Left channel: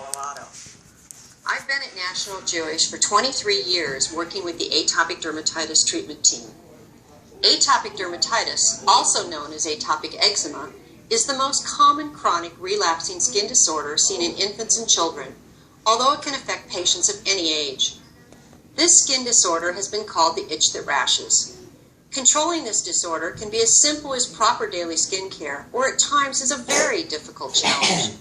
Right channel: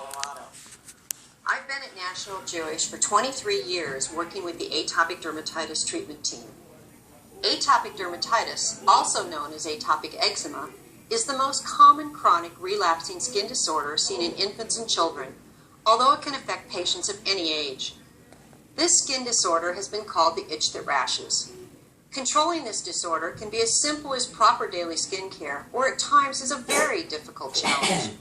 Colorado. I've been at National Jewish for 23 years working with the atopic dermatitis treatment team. Atopic dermatitis, also known as atopic eczema, is the most common chronic relapsing skin disorder seen in infants and children, although it can affect patients of any age. This skin disorder has been called the itch that rashes. Controlling this disorder can be as simple as proper daily skin care, or at times is a very difficult challenge.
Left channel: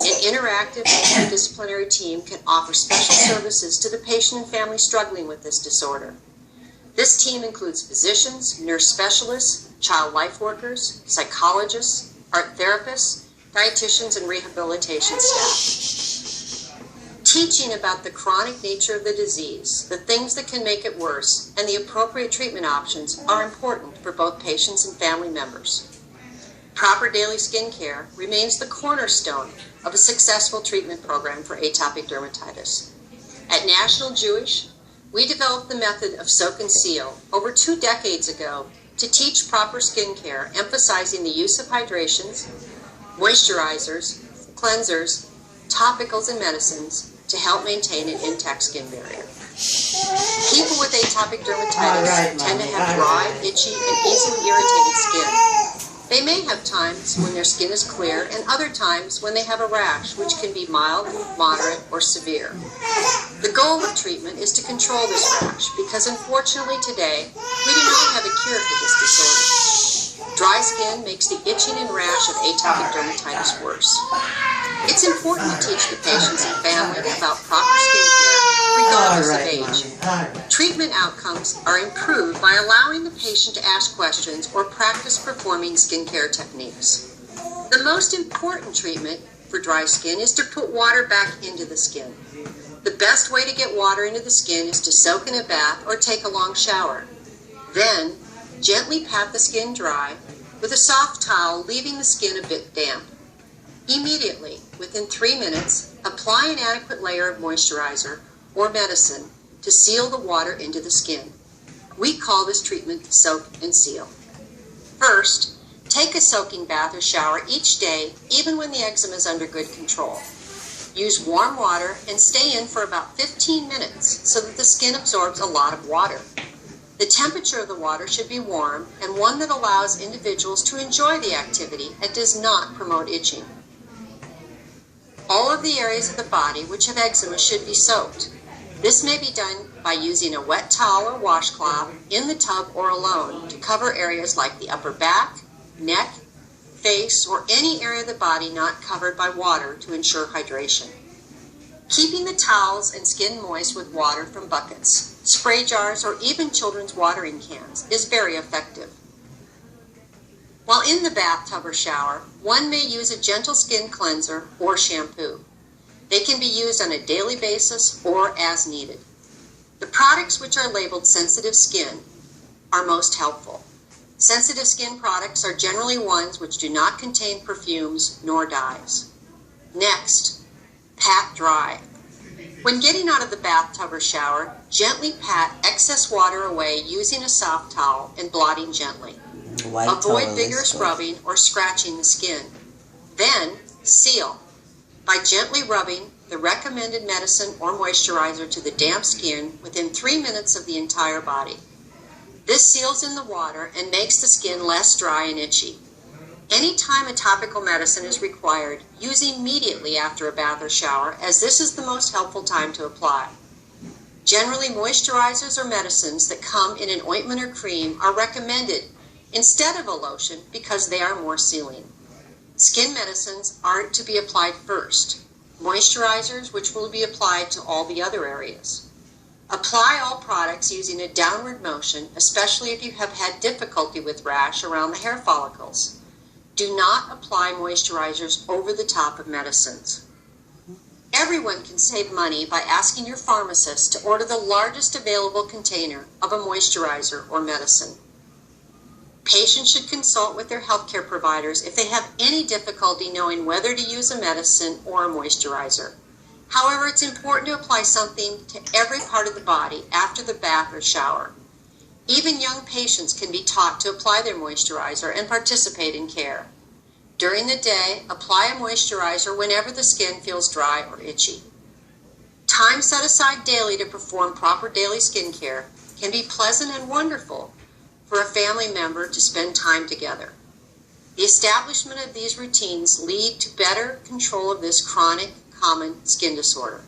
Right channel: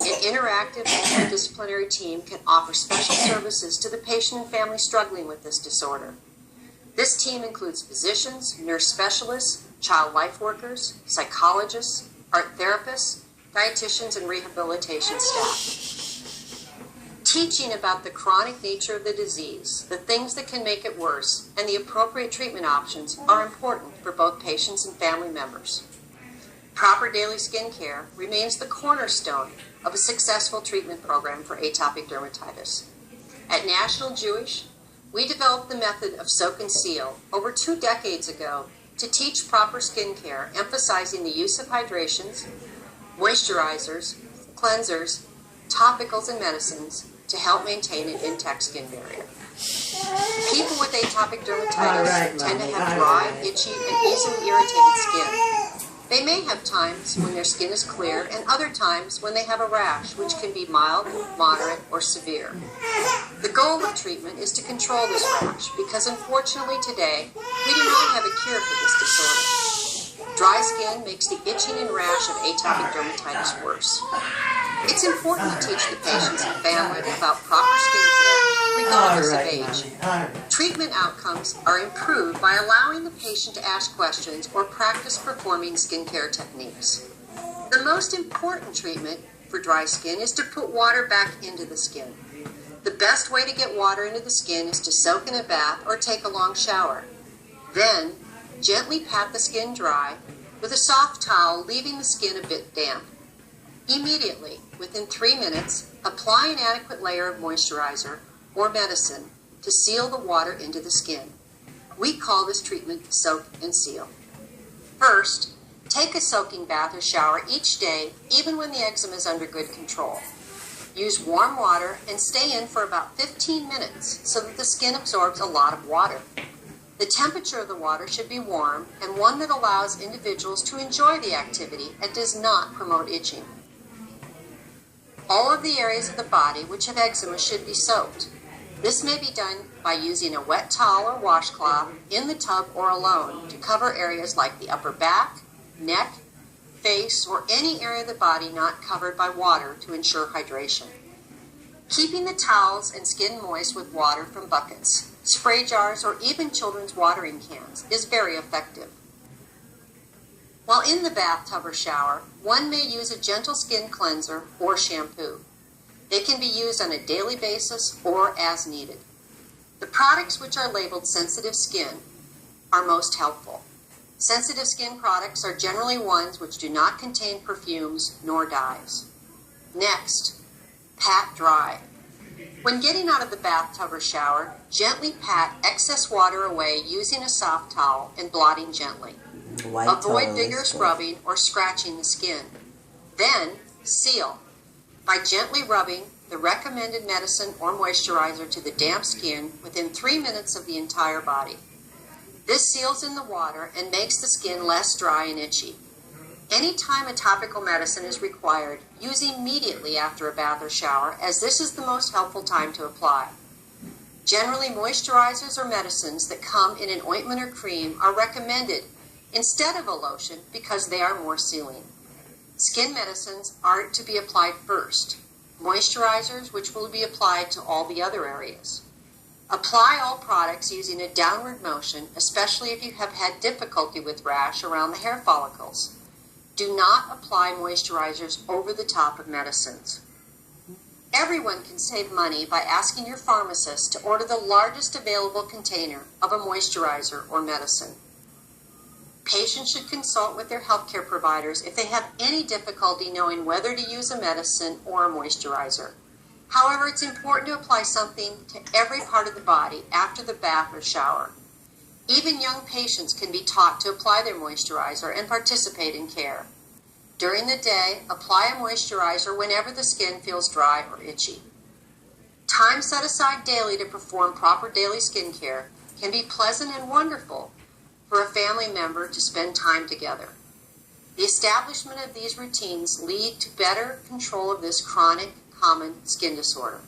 An interactive multidisciplinary team can offer special services to the patient and family struggling with this disorder. This team includes physicians, nurse specialists, child life workers, psychologists, art therapists, dietitians, and rehabilitation staff. Teaching about the chronic nature of the disease, the things that can make it worse, and the appropriate treatment options are important for both patients and family members. Proper daily skin care remains the cornerstone of a successful treatment program for atopic dermatitis. At National Jewish, we developed the method of soak and seal over 2 decades ago to teach proper skin care, emphasizing the use of hydrations, moisturizers, cleansers, topicals, and medicines to help maintain an intact skin barrier. People with atopic dermatitis tend to have dry, itchy, and easily irritated skin. They may have times when their skin is clear and other times when they have a rash, which can be mild, moderate, or severe. The goal of treatment is to control this rash because unfortunately today we do not have a cure for this disorder. Dry skin makes the itching and rash of atopic dermatitis worse. It's important to teach the patients and family about proper skin care regardless of age. Treatment outcomes are improved by allowing the patient to ask questions or practice performing skincare techniques. The most important treatment for dry skin is to put water back into the skin. The best way to get water into the skin is to soak in a bath or take a long shower. Then, gently pat the skin dry with a soft towel, leaving the skin a bit damp. Immediately, within 3 minutes, apply an adequate layer of moisturizer or medicine to seal the water into the skin. We call this treatment soak and seal. First, take a soaking bath or shower each day, even when the eczema is under good control. Use warm water and stay in for about 15 minutes so that the skin absorbs a lot of water. The temperature of the water should be warm and one that allows individuals to enjoy the activity and does not promote itching. All of the areas of the body which have eczema should be soaked. This may be done by using a wet towel or washcloth in the tub or alone to cover areas like the upper back, neck, face, or any area of the body not covered by water to ensure hydration. Keeping the towels and skin moist with water from buckets, spray jars, or even children's watering cans is very effective. While in the bathtub or shower, one may use a gentle skin cleanser or shampoo. They can be used on a daily basis or as needed. The products which are labeled sensitive skin are most helpful. Sensitive skin products are generally ones which do not contain perfumes nor dyes. Next, pat dry. When getting out of the bathtub or shower, gently pat excess water away using a soft towel and blotting gently. Avoid vigorous rubbing or scratching the skin. Then, seal by gently rubbing the recommended medicine or moisturizer to the damp skin within 3 minutes of the entire body. This seals in the water and makes the skin less dry and itchy. Anytime a topical medicine is required, use immediately after a bath or shower, as this is the most helpful time to apply. Generally, moisturizers or medicines that come in an ointment or cream are recommended instead of a lotion because they are more sealing. Skin medicines are to be applied first. Moisturizers, which will be applied to all the other areas. Apply all products using a downward motion, especially if you have had difficulty with rash around the hair follicles. Do not apply moisturizers over the top of medicines. Everyone can save money by asking your pharmacist to order the largest available container of a moisturizer or medicine. Patients should consult with their healthcare providers if they have any difficulty knowing whether to use a medicine or a moisturizer. However, it's important to apply something to every part of the body after the bath or shower. Even young patients can be taught to apply their moisturizer and participate in care. During the day, apply a moisturizer whenever the skin feels dry or itchy. Time set aside daily to perform proper daily skincare can be pleasant and wonderful for a family member to spend time together. The establishment of these routines lead to better control of this chronic, common skin disorder.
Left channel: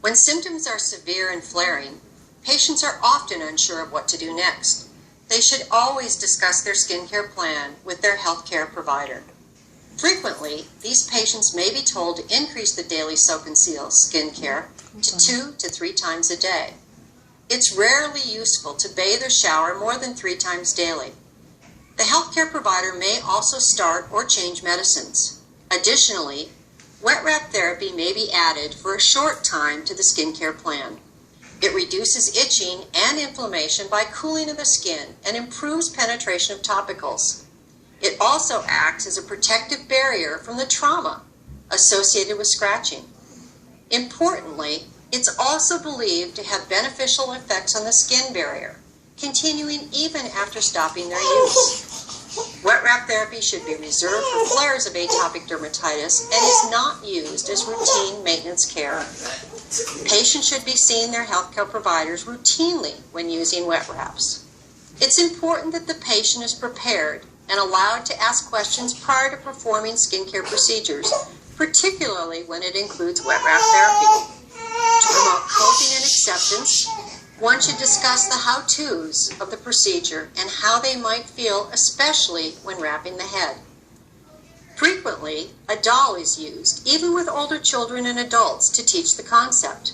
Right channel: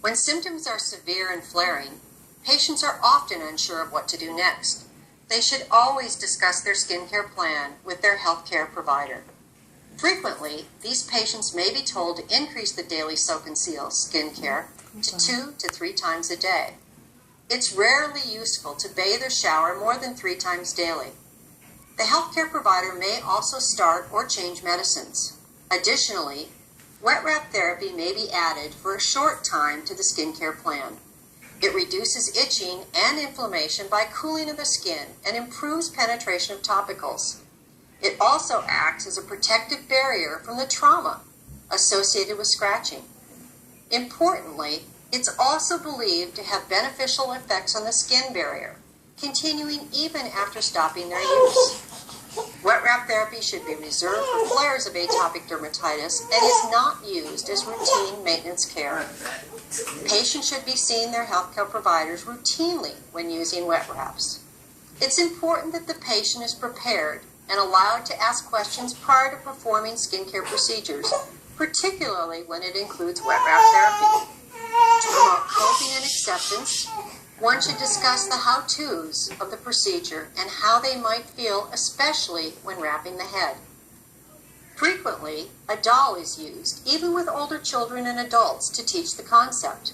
When symptoms are severe and flaring, patients are often unsure of what to do next. They should always discuss their skincare plan with their healthcare provider. Frequently, these patients may be told to increase the daily soak and seal skincare to 2 to 3 times a day. It's rarely useful to bathe or shower more than 3 times daily. The healthcare provider may also start or change medicines. Additionally, wet wrap therapy may be added for a short time to the skincare plan. It reduces itching and inflammation by cooling of the skin and improves penetration of topicals. It also acts as a protective barrier from the trauma associated with scratching. Importantly, it's also believed to have beneficial effects on the skin barrier, continuing even after stopping their use. Wet wrap therapy should be reserved for flares of atopic dermatitis and is not used as routine maintenance care. Patients should be seeing their healthcare providers routinely when using wet wraps. It's important that the patient is prepared and allowed to ask questions prior to performing skincare procedures, particularly when it includes wet wrap therapy. To promote coping and acceptance, one should discuss the how-tos of the procedure and how they might feel, especially when wrapping the head. Frequently, a doll is used, even with older children and adults, to teach the concept.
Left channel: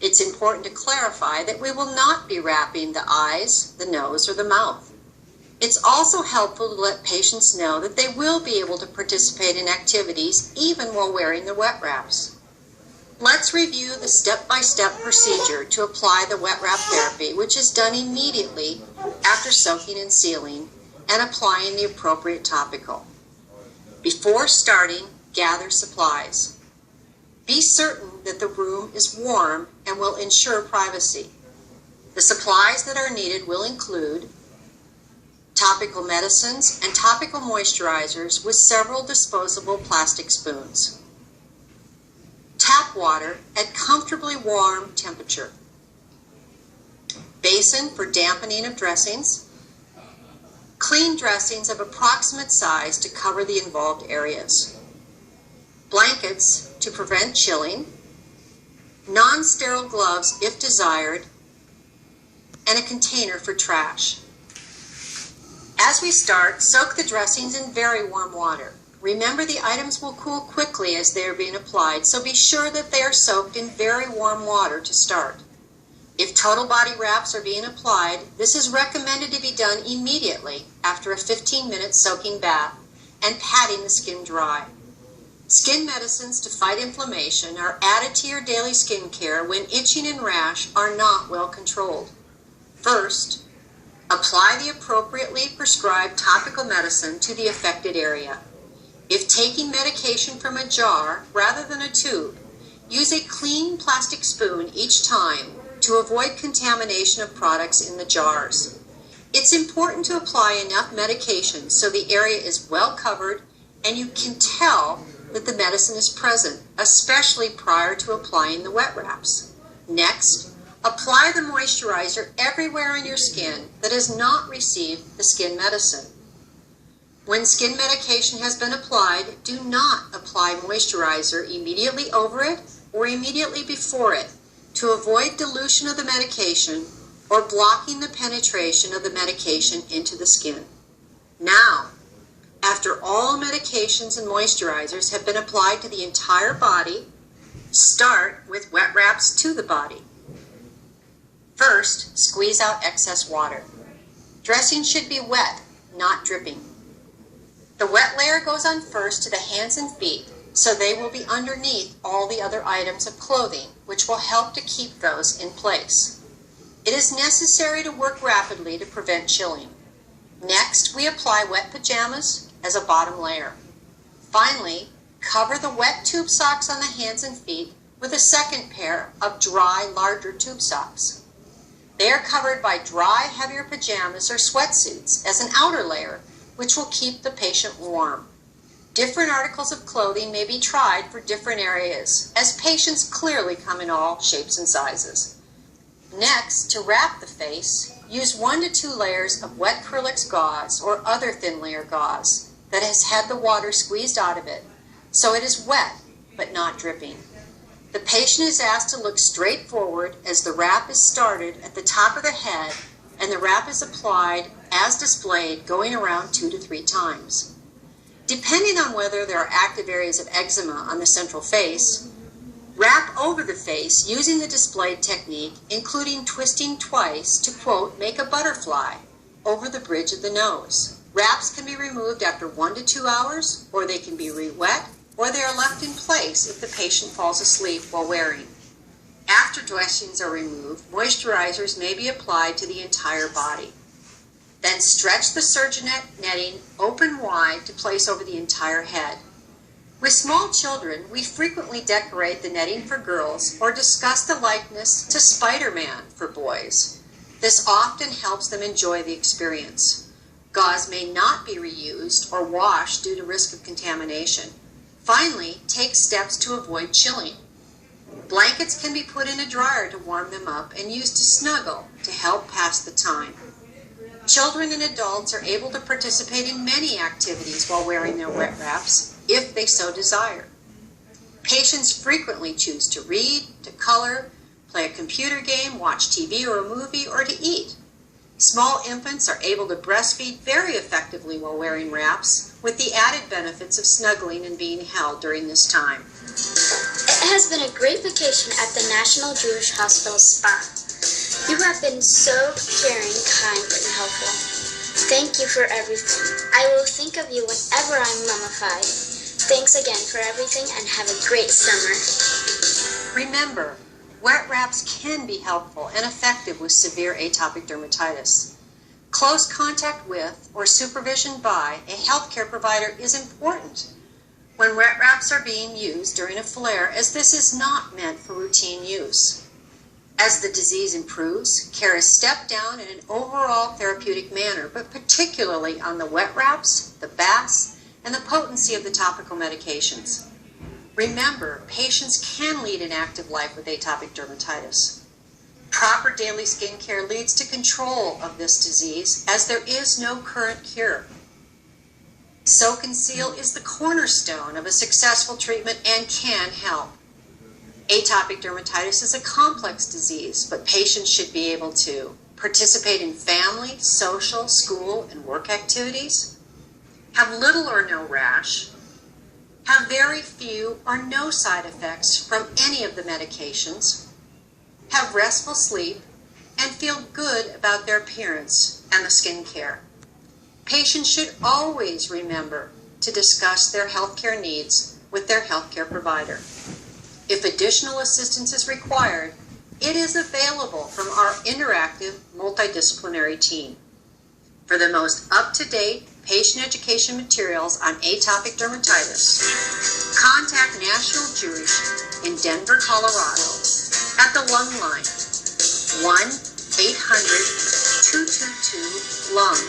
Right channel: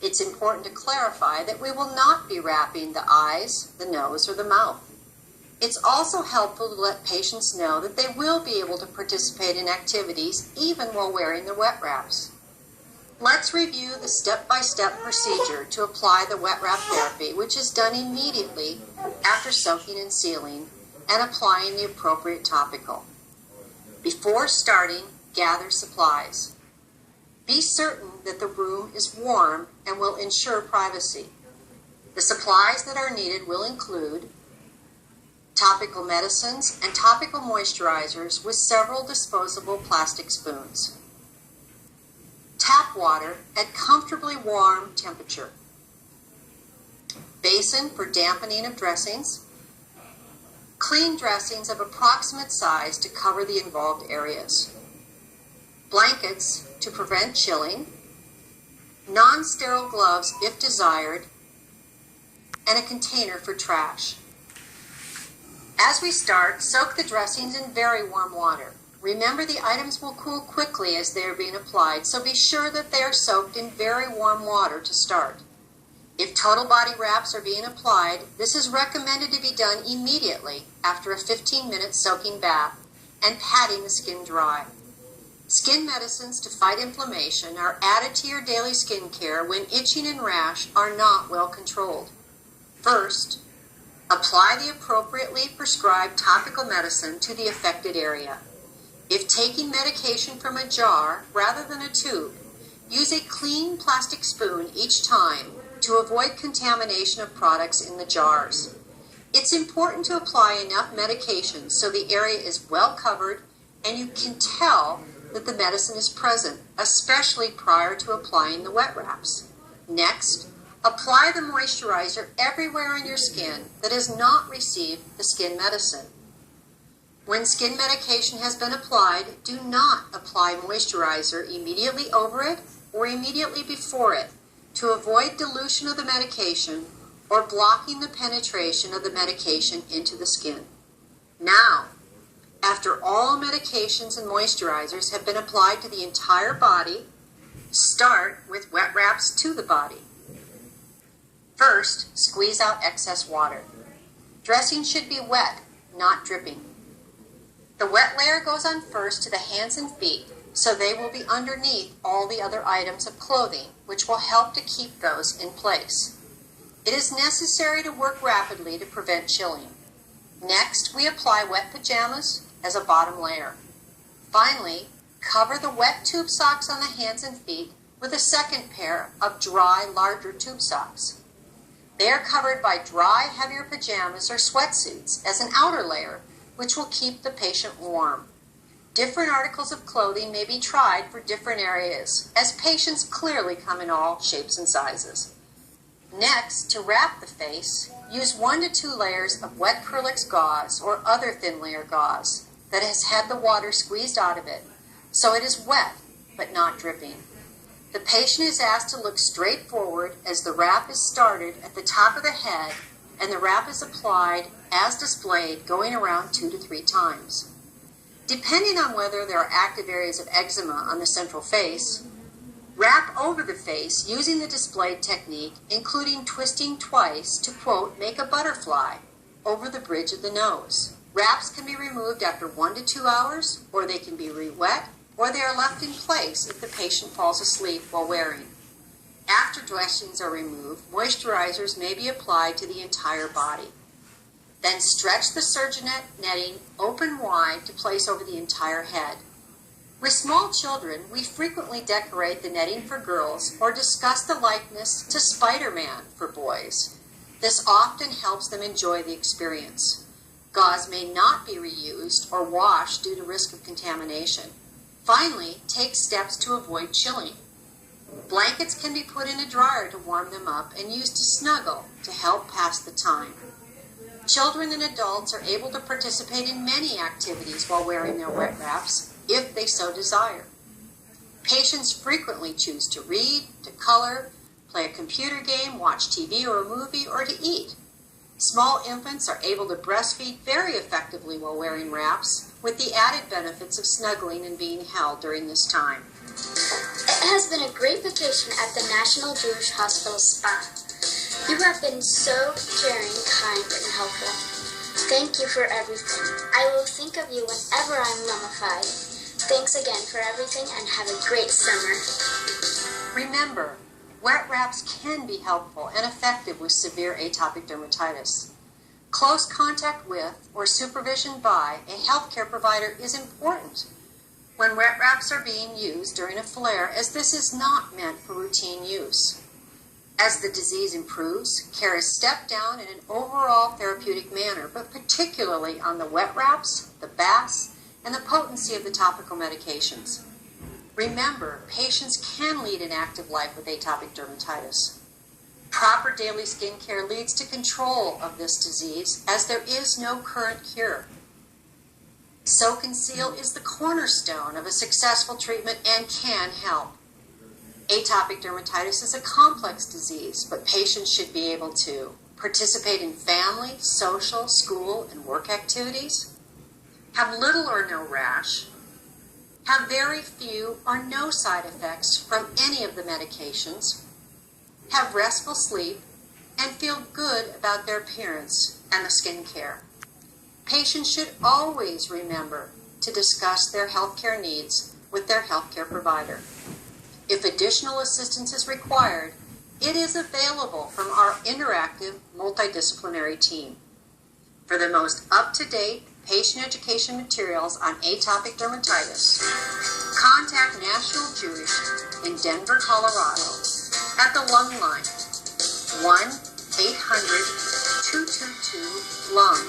It's important to clarify that we will not be wrapping the eyes, the nose, or the mouth. It's also helpful to let patients know that they will be able to participate in activities even while wearing the wet wraps. Let's review the step-by-step procedure to apply the wet wrap therapy, which is done immediately after soaking and sealing and applying the appropriate topical. Before starting, gather supplies. Be certain that the room is warm and will ensure privacy. The supplies that are needed will include topical medicines and topical moisturizers with several disposable plastic spoons. Tap water at comfortably warm temperature. Basin for dampening of dressings. Clean dressings of approximate size to cover the involved areas. Blankets to prevent chilling. Non-sterile gloves if desired. And a container for trash. As we start, soak the dressings in very warm water. Remember, the items will cool quickly as they are being applied, so be sure that they are soaked in very warm water to start. If total body wraps are being applied, this is recommended to be done immediately after a 15-minute soaking bath and patting the skin dry. Skin medicines to fight inflammation are added to your daily skin care when itching and rash are not well controlled. First, apply the appropriately prescribed topical medicine to the affected area. If taking medication from a jar rather than a tube, use a clean plastic spoon each time to avoid contamination of products in the jars. It's important to apply enough medication so the area is well covered and you can tell that the medicine is present, especially prior to applying the wet wraps. Next, apply the moisturizer everywhere on your skin that has not received the skin medicine. When skin medication has been applied, do not apply moisturizer immediately over it or immediately before it to avoid dilution of the medication or blocking the penetration of the medication into the skin. Now, after all medications and moisturizers have been applied to the entire body, start with wet wraps to the body. First, squeeze out excess water. Dressing should be wet, not dripping. The wet layer goes on first to the hands and feet, so they will be underneath all the other items of clothing, which will help to keep those in place. It is necessary to work rapidly to prevent chilling. Next, we apply wet pajamas as a bottom layer. Finally, cover the wet tube socks on the hands and feet with a second pair of dry, larger tube socks. They are covered by dry, heavier pajamas or sweatsuits as an outer layer, which will keep the patient warm. Different articles of clothing may be tried for different areas, as patients clearly come in all shapes and sizes. Next, to wrap the face, use 1 to 2 layers of wet Kerlix gauze or other thin layer gauze that has had the water squeezed out of it, so it is wet but not dripping. The patient is asked to look straight forward as the wrap is started at the top of the head and the wrap is applied as displayed, going around 2 to 3 times. Depending on whether there are active areas of eczema on the central face, wrap over the face using the displayed technique, including twisting twice to, quote, make a butterfly over the bridge of the nose. Wraps can be removed after 1 to 2 hours, or they can be re-wet, or they are left in place if the patient falls asleep while wearing. After dressings are removed, moisturizers may be applied to the entire body. Then stretch the surginet netting open wide to place over the entire head. With small children, we frequently decorate the netting for girls or discuss the likeness to Spider-Man for boys. This often helps them enjoy the experience. Gauze may not be reused or washed due to risk of contamination. Finally, take steps to avoid chilling. Blankets can be put in a dryer to warm them up and used to snuggle to help pass the time. Children and adults are able to participate in many activities while wearing their wet wraps, if they so desire. Patients frequently choose to read, to color, play a computer game, watch TV or a movie, or to eat. Small infants are able to breastfeed very effectively while wearing wraps, with the added benefits of snuggling and being held during this time. It has been a great vacation at the National Jewish Hospital Spa. You have been so caring, kind, and helpful. Thank you for everything. I will think of you whenever I'm mummified. Thanks again for everything and have a great summer. Remember, wet wraps can be helpful and effective with severe atopic dermatitis. Close contact with or supervision by a healthcare provider is important when wet wraps are being used during a flare, as this is not meant for routine use. As the disease improves, care is stepped down in an overall therapeutic manner, but particularly on the wet wraps, the baths, and the potency of the topical medications. Remember, patients can lead an active life with atopic dermatitis. Proper daily skin care leads to control of this disease, as there is no current cure. Soak and Seal is the cornerstone of a successful treatment and can help. Atopic dermatitis is a complex disease, but patients should be able to participate in family, social, school, and work activities, have little or no rash, have very few or no side effects from any of the medications, have restful sleep, and feel good about their appearance and the skin care. Patients should always remember to discuss their healthcare needs with their healthcare provider. If additional assistance is required, it is available from our interactive multidisciplinary team. For the most up-to-date patient education materials on atopic dermatitis, contact National Jewish in Denver, Colorado at the Lung Line, 1-800-222-LUNG,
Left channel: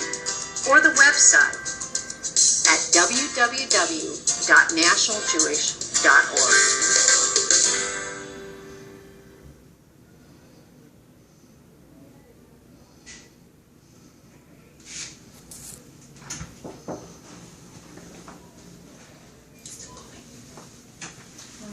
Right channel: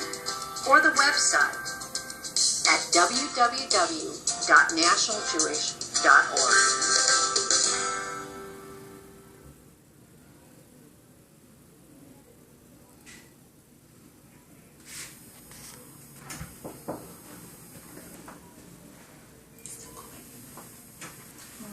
or the website at www.nationaljewish.org.